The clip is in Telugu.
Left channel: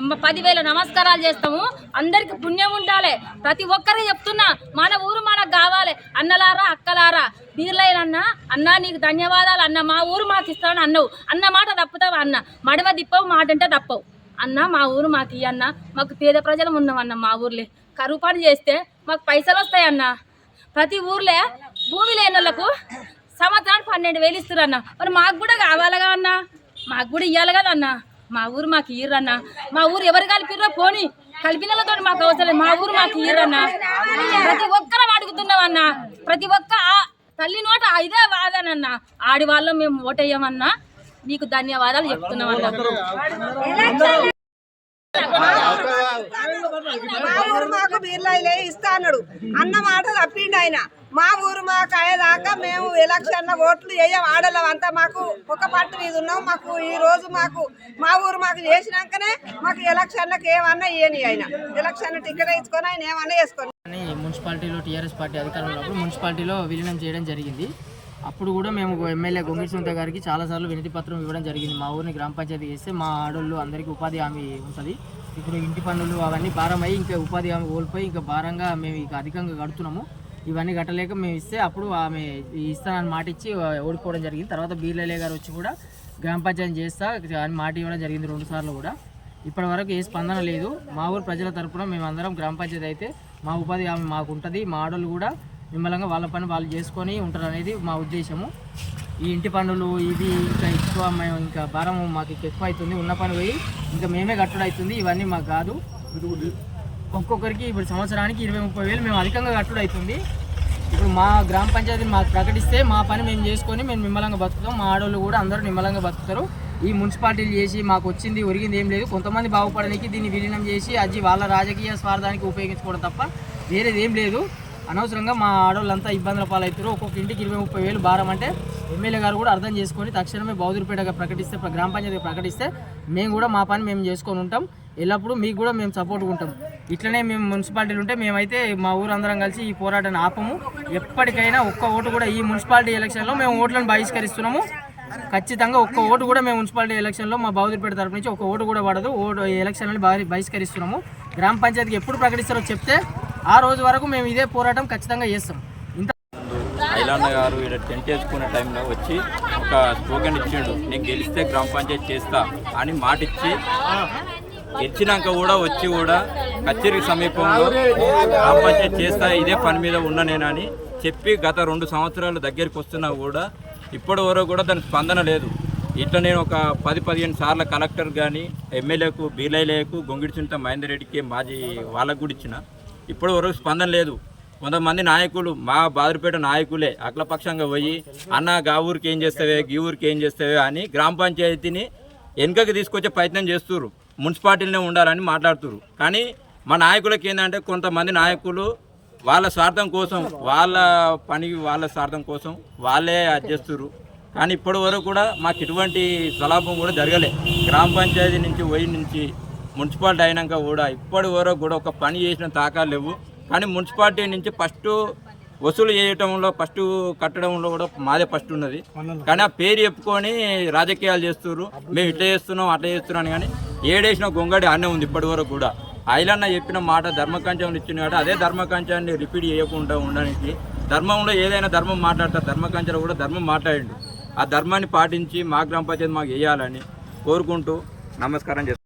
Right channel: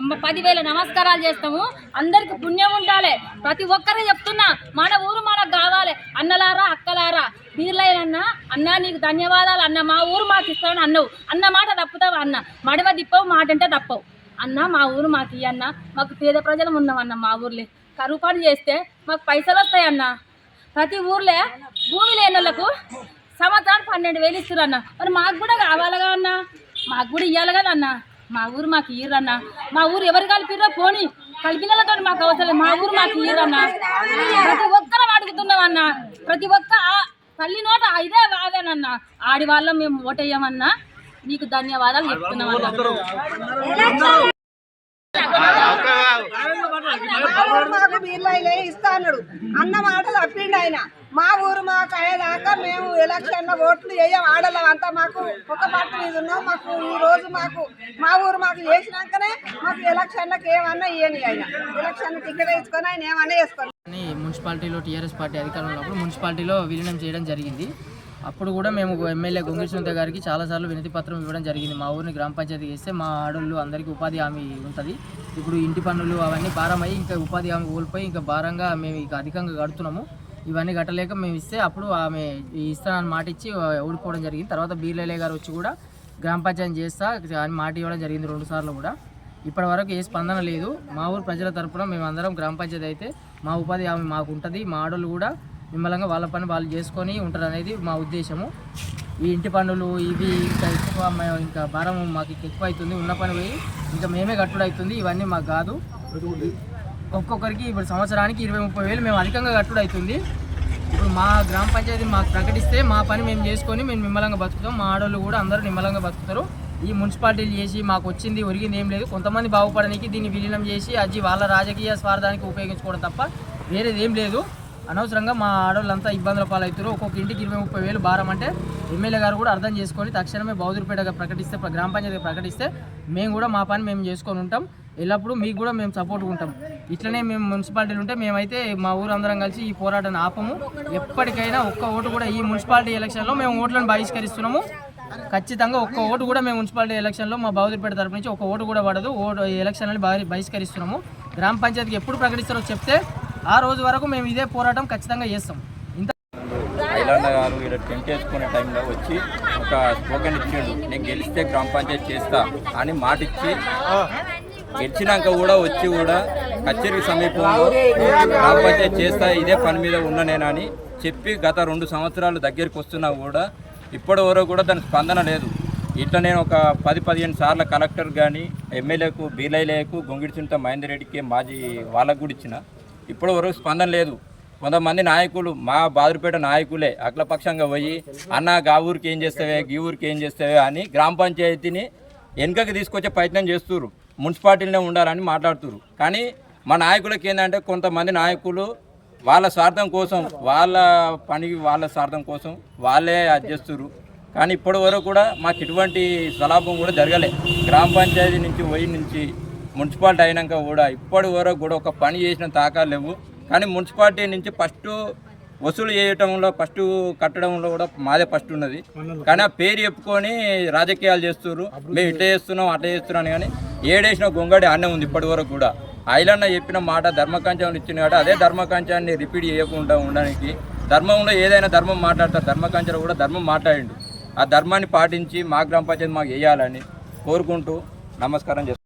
10,000 నమస్కారాలు చేస్తాము. అందరికి పుణ్యం ఉండాలి. ప్రతి ఒక్కరే చెప్తున్నా, మన ఊరు మనకు కావాలి. అన్నలారా అక్కలారా బీర్లైన అన్న నీకు ధన్యవాదాలు అన్న, మా ఊరు మాకు ఇస్తామని అన్నవు. అన్న మాట తప్పుతావు అన్న, మడవ దిప్పవు మాట అంటే తప్పవు అన్న. మా ఊరు మాకు ఇయ్యన్న, మాకు పేద ప్రజలు ఉన్నామన్న. మా ఊర్లే కరువు పని చేస్తే మాకు పైసలు వస్తాయన్న. ప్రతి ఊర్లే భూమి లేని వాళ్ళకు సంవత్సరానికి 12,000 ఇస్తురన్న. మరి మాకు కూడా కావాలిగా అన్న, మాకు కూడా ఇవ్వాలి కదా అన్న. మా ఊరు మాకు ఇయ్యరన్న. మా ఊరు ఎవరు కలిపిర్రో పోనీ, కలిపినలతో మాకు అవసరం. మా ఊరు మాకు ఇయ్యరన్న. ప్రతి ఒక్కరం అడుగుతున్నామన్న. ప్రతి ఒక్క తల్లి నోట ఇదే వాదనన్న. ఆడి వాళ్ళం మేము ఓటేయమన్నా. మీకు ధన్యవాదాలు చెప్తున్నామన్నా. మా ఊరు మాకు బీర్లైలే ఇస్తా అన్నాడు. అన్న మాట తప్పిండు ఆయన. మా ఊరు మాకు అయ్యేదాకా మేము ఎలక్షన్లో ఓట్లు వేయం. ఆడలం అంతా మాకు ఒక పార్టీ మీద ఉన్నాం. మాకు ఈ రోజు మాకు మా ఊరు మాకు చేసినాకనే మాకు ఎలక్షన్లకు ఏమన్నా ఇయ్యని. ఆయన ఎలక్షన్ టికెట్ వేసుకొని ఆయన ఏమన్నా వేసుకొని మున్సిపాలిటీలో టీఆర్ఎస్ పార్టీ అధికారంలో ఉన్నప్పుడు మున్సిపాలిటీలో విలీనం చేయడం జరిగింది. అప్పుడు కూడా మేము ఎమ్మెల్యే గొంగిడి సునీత గారికి చాలాసార్లు వినతి పత్రం ఇవ్వడం జరిగింది. మా ఊరిని గ్రామ పంచాయతీకి ఇస్తే మా ఆడోళ్ళు అందరికీ ఉపాధి హామీ ఉంటుంది. ఇప్పుడు ఇంటి పన్నులు అవన్నీ భారం అయ్యి ఇంకా ఉపాధి హామీ కోల్పోయి ఇంకా భారంగా మేము ఇక అధికంగా కడుతున్నాము. ఇవన్నీ కట్టలేక మేము ఇస్తే అప్పుడు ఆమె ఇస్తానని మాట ఇచ్చి ఓడిపోవడం జరిగింది. తర్వాత బీర్లయ్య గారు వచ్చి కూడా గ్రామ పంచాయతీ చేస్తా అని మాట ఇవ్వడం జరిగింది 2 సార్లు కూడా. ఇప్పటి వరకు ఏ స్పందన లేదు. మా ఊరు ప్రజల తరఫున మేము అందరం గ్రామ పంచాయతీ అయితే మా ఉపాధి హామీ మాకు ఉంటుంది. మా ఆడోళ్ళు కూడా నిమ్మలంగా వాళ్ళ పని వాళ్ళు చేసుకొని ఉంటారు అనేది మా ఉద్దేశము. ఈ ఇంటి పన్నులు ఇవి ఇంకా ఎక్కువ మేము ఇంకా భారం మాకు ఎక్కువ అవుతుంది. ఉన్న పని పోయి ఇంకా మేమే కట్టుడు అవుతుంది. ఇవన్నీ మాకు కాదు. ఒక్కొక్కరికి ఇప్పుడు సంవత్సరానికి 20-30 వేలు మేము అధికంగా కట్టుడు అవుతుంది. ఇప్పుడు మా గ్రామ పంచాయతీ మాకు ప్రకటిస్తే మా పని మేము చేసుకొని మేము నిమ్మలంగా బతుకుతాం. మా ఆడోళ్ళు కూడా అందరూ నిమ్మలంగా బతుకుతారు. ఈ మున్సిపాలిటీలు చేసి మాకు వచ్చింది ఒరిగింది ఏం లేదు. కొంతమంది బాగుపడడానికి దీన్ని విలీనం చేసి అది వాళ్ళ రాజకీయ స్వార్థానికి ఉపయోగించుకోవడం తప్ప వేరేది ఏం లేదు. అనవసరంగా మా ఆడవాళ్ళంతా ఇబ్బందుల పాలవుతారు. ఒక్కొక్క ఇంటికి 20-30 వేలు భారం అంటే ఎమ్మెల్యే గారు కూడా అర్థం చేసుకొని తక్షణమే బౌదూరుపేటగా ప్రకటిస్తే గ్రామ పంచాయతీగా ప్రకటిస్తే మేము కూడా మా పని మేము చేసుకొని ఉంటాం. ఎల్లప్పుడూ మీకు కూడా మేము సపోర్ట్గా ఉంటాం. ఇట్లనే మేము మున్సిపాలిటీలు ఉంటే మేమైతే మా ఊరు అందరం కలిసి ఈ పోరాటాన్ని ఆపము. ఎప్పటికైనా ఒక్క ఓటు కూడా ఈ మున్సిపాలిటీ ఎలక్షన్లో మేము ఓట్లను బహిష్కరిస్తున్నాము. ఖచ్చితంగా ఒక్క ఓటు కూడా మేము మున్సిపాలిటీ ఎలక్షన్లో మా బౌదూరుపేట తరపు నుంచి ఒక ఓటు కూడా పడదు. ఎలక్షన్లని బహిష్కరిస్తున్నాము. గ్రామ పంచాయతీకి ఎప్పుడు ప్రకటిస్తారో చెప్తే ఆ రోజు వరకు మేము ఇదే పోరాటం ఖచ్చితంగా చేస్తాం. ఐలన్న గారు ఇక్కడ టెంట్ వేసుకునే టైంలో వచ్చి ఒక స్లోగన్ ఇచ్చిండు, నేను గెలిస్తే గ్రామ పంచాయతీ చేస్తా అని మాట ఇచ్చి గెలిచినాక కూడా వచ్చి కూడా కచేరీ సమీపంలో గ్రామ పంచాయతీ చేస్తా ఇదే పని మీద ఉన్నా నేనని చెప్పి గత 2 సంవత్సరాలు దగ్గరికి వస్తున్నా కూడా ఇప్పటి వరకు కూడా దానికి స్పందన లేదు. ఇట్లా నేను ఒక 10-15 సార్లు కలెక్టర్ కానీ ఎమ్మెల్యేకు బీర్లయ్యకు గొంగిడి సునీత మహేందర్ రెడ్డికి మాజీ వాళ్ళకు కూడా ఇచ్చిన ఇప్పటి వరకు స్పందన లేదు. కొంతమంది నాయకులు మా బౌదూరుపేట నాయకులే అఖిలపక్షంగా పోయి అన్న గా ఊరికి ఏం చేస్తావే గీ ఊరికి ఏం చేస్తావే అని గ్రామ పంచాయతీని వెనుకకి తీసుకొచ్చే ప్రయత్నం చేస్తున్నారు. మున్సిపాలిటీలోనే ఉండాలని మాట్లాడుతున్నారు. కానీ మా నాయకులకి ఏంటంటే కొంతమంది నాయకులు వాళ్ళ స్వార్థం కోసం వాళ్ళ పని వాళ్ళ స్వార్థం కోసం వాళ్ళే అది చేస్తున్నారు. కానీ ఇప్పటి వరకు కూడా మాకు ఇటువంటి స్వలాభం కూడా జరగలే. గ్రామ పంచాయతీ నుంచి మున్సిపాలిటీ అయినాక కూడా ఇప్పటి వరకు కూడా ఒక పని చేసిన తాకాలు లేవు. కానీ మున్సిపాలిటీ నుంచి ఫస్ట్ వసూలు చేయటంలో ఫస్ట్ కట్టడంలో కూడా మాదే ఫస్ట్ ఉన్నది. కానీ ఆ పేరు చెప్పుకొని రాజకీయాలు చేస్తున్నారు. మేము ఇట్లా చేస్తున్నాం అట్లా చేస్తున్నాం కానీ ఏడేసిన గొంగడి అన్నే ఉంది ఇప్పటి వరకు కూడా. ఐలన్న చెప్పిన మాట ధర్మకాంచాన్ని ఇచ్చిన కాడ అదే ధర్మకాంచాన్ని రిపీట్ చేయకుండా ఉండడానికి ధర్మంలో ఏదైనా ధర్మం మాట్లాడతారు. ధర్మకాంచలో కూడా ధర్మం మాట్లాడిండు. ఆ ధర్మాన్ని పాటించి మా గ్రామ పంచాయతీ మాకు వేయాలని కోరుకుంటూ నమస్కారం చేస్తాను.